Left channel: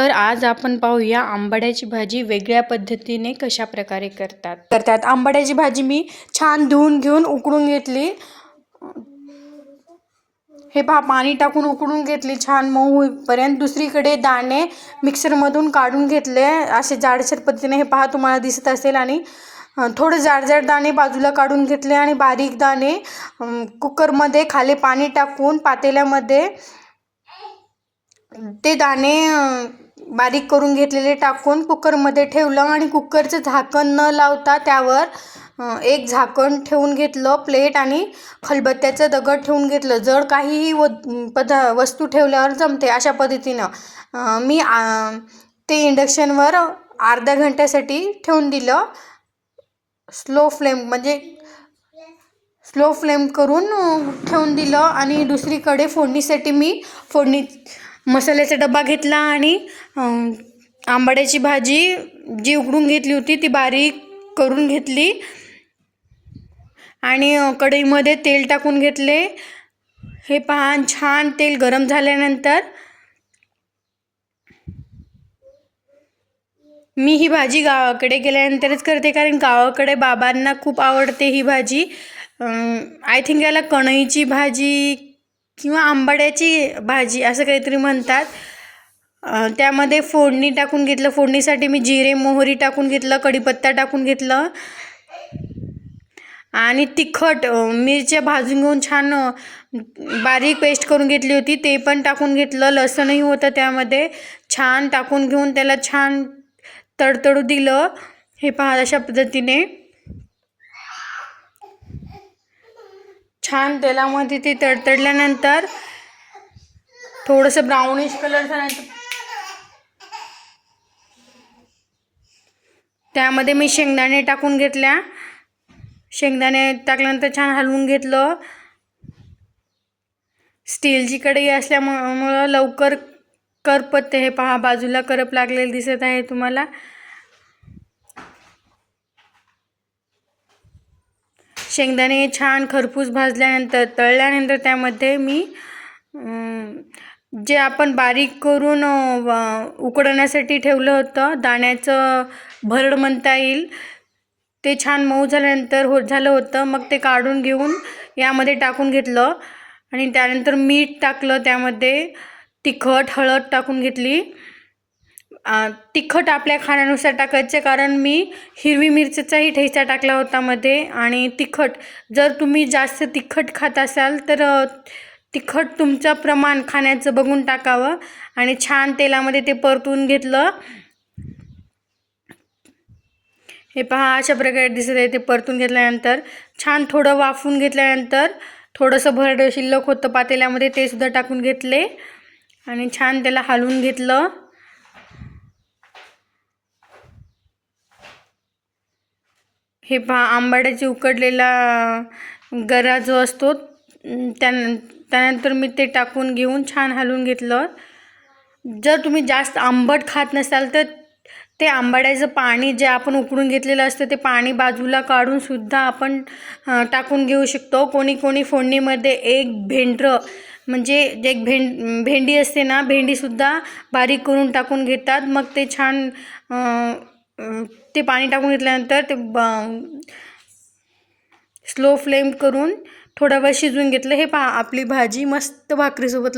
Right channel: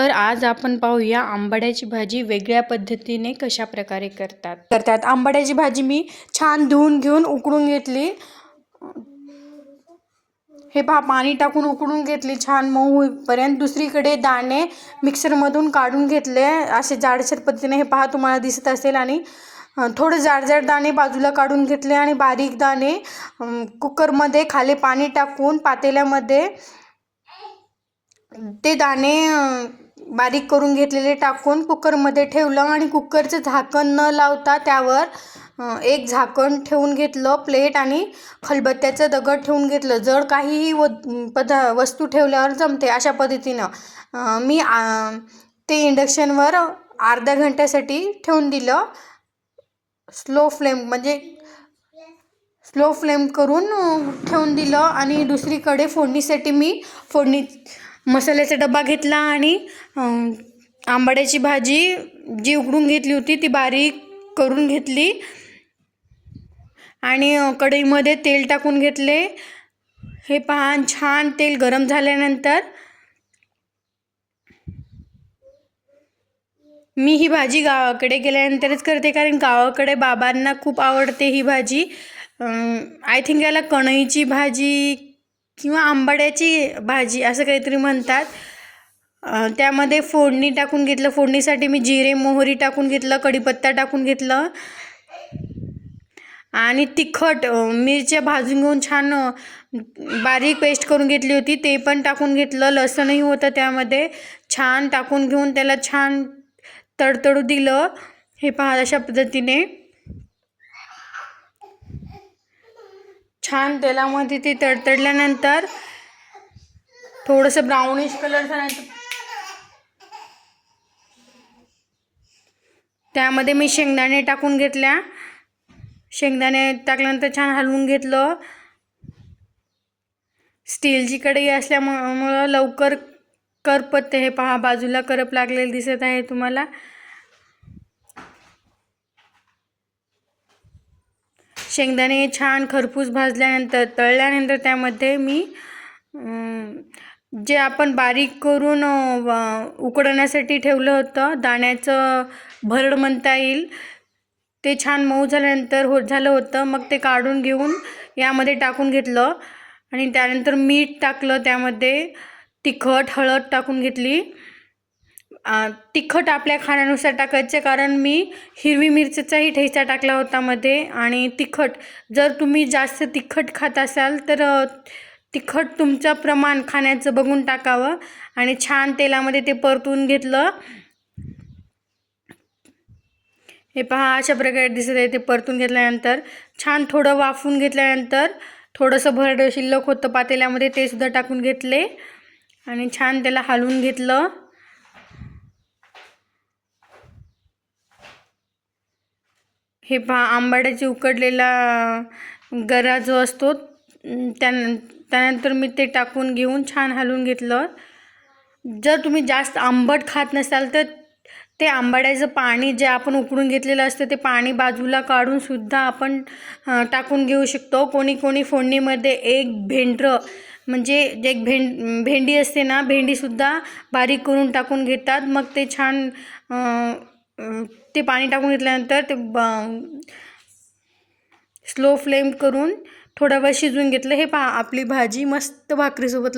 तर आज आपण पाहूया आंबाड्याची भाजी वेगळ्या पद्धतीने कशा प्रकारे करतात। आंबाड्याची भाजी मी छान धुवून घेऊन उकडून घेतली। हे पहा, पाणी टाकून उकडून घेतली छान मऊ होईपर्यंत। दुसरीकडे दाणे मिक्सरमधून काढून घेतले असे जाडसर पद्धतीने। हे पहा, तुम्हाला दिसत असेल। आणि थोडे जाड दाणे बाजूला काढून घेतले आणि बारीक दाणे कुकरमध्ये खाली पाणी टाकून पातेल्यामध्ये ते दाणे बारीक करून घेतलेले टाकून कुकरमध्ये ठेवलं आणि कुकरचं झाकण न लावता त्यावर एक झाकण ठेवून घेतलं, प्लेट आणि खलबत्त्याचं दगड ठेवून घेतलं। जर काहीही वस्तू ठेवल्यावर जमते अशा पद्धतीनं मी ते इंडक्शनवर अर्ध्या घंट्यासाठी ठेवून दिलं। स्लो फ्लेम करून ठेवून दिलं। आणि दुसरीकडे फोडणीसाठी मी मसाल्याचा डबा घेतला आणि आंबाड्याची भाजी जी उकडून घेतली होती ती बारीक करून घेतली आणि कढईमध्ये तेल टाकून घेतले। हे पहा, छान तेल गरम झाल्यानंतर मी ही भाजी गावाकडे गेल्यानंतरच करते, कारण गावाकडे बाबांना खूप आवडते ही भाजी। आय थिंक याला कणईची भाजी किंवा आंबाड्याची भाजी असं काहीतरी म्हणतात। त्यामध्ये फोडणी टाकून घेतलं। फोडणीसाठी मी जिरे मोहरी टाकून घेतलं, कढीपत्ता टाकून घेतलं आणि तिखट मिरच्या भाजून घेऊन छान बारीक पेस्ट करून घेतली होती ते पण टाकून घेतलं। लसूणही होतं त्यामध्ये, छान टाकून घेऊन त्याला छान तडतडू दिलं। हे पहा, अशा पद्धतीने छान तेलामध्ये ते तडतडल्यानंतर थोडंसं ब्राउनिश कलर झाल्यानंतर त्यामध्ये मी शेंगदाणे टाकून घेतल्या। शेंगदाणे टाकल्यानंतर छान हलवून घेतलं। स्टीलची कढई असल्यामुळं लवकर करपते। हे पहा, बाजूला करप लागलेलं दिसत आहे तुम्हाला। शेंगदाणे छान खरपूस भाजल्यानंतर तळल्यानंतर त्यामध्ये मी जे आपण बारीक करून उकडण्यासाठी ठेवलं होतं दाण्याचं भरड म्हणता येईल, ते छान मऊ झाल्यानंतर झालं होतं। मग ते काढून घेऊन यामध्ये टाकून घेतलं आणि त्यानंतर मीठ टाकलं। त्यामध्ये तिखट हळद टाकून घेतली। तिखट आपल्या खाण्यानुसार टाकायचे, कारण मी हिरवी मिरचीचाही ठेचा टाकला होता मध्ये। आणि तिखट जर तुम्ही जास्त तिखट खात असाल तर तिखट तुमचं प्रमाण खाण्याचं बघून टाकावं। आणि छान तेलामध्ये ते परतून घेतलं। हे पहा, अशा प्रकारे दिसत आहे। ते परतून घेतल्यानंतर छान थोडं वाफून घेतल्यानंतर थोडंसं भरड शिल्लक होतं पातेल्यामध्ये, ते सुद्धा टाकून घेतले आणि छान त्याला हलवून घेतलं। हे पहा, आंबाड्याची उकडलेला गरा जो असतो त्यानंतर मी ते टाकून घेऊन छान हलवून घेतलं। जर तुम्ही जास्त आंबट खात नसाल तर ते आंबाड्याचं पाणी जे आपण उकडून घेतलेलं असतं ते पाणी बाजूला काढून सुद्धा आपण टाकून घेऊ शकतो। कोणी फोडणीमध्ये एक भेंडरं म्हणजे एक भेंडी असते ना, भेंडीसुद्धा बारीक करून टाकून घेतात। मग ते छान ते पाणी टाकून घेतल्यानंतर ते स्लो फ्लेम करून थोडा वेळ शिजवून घेतलं। हे पहा, आपली भाजी मस्त भाकरीसोबत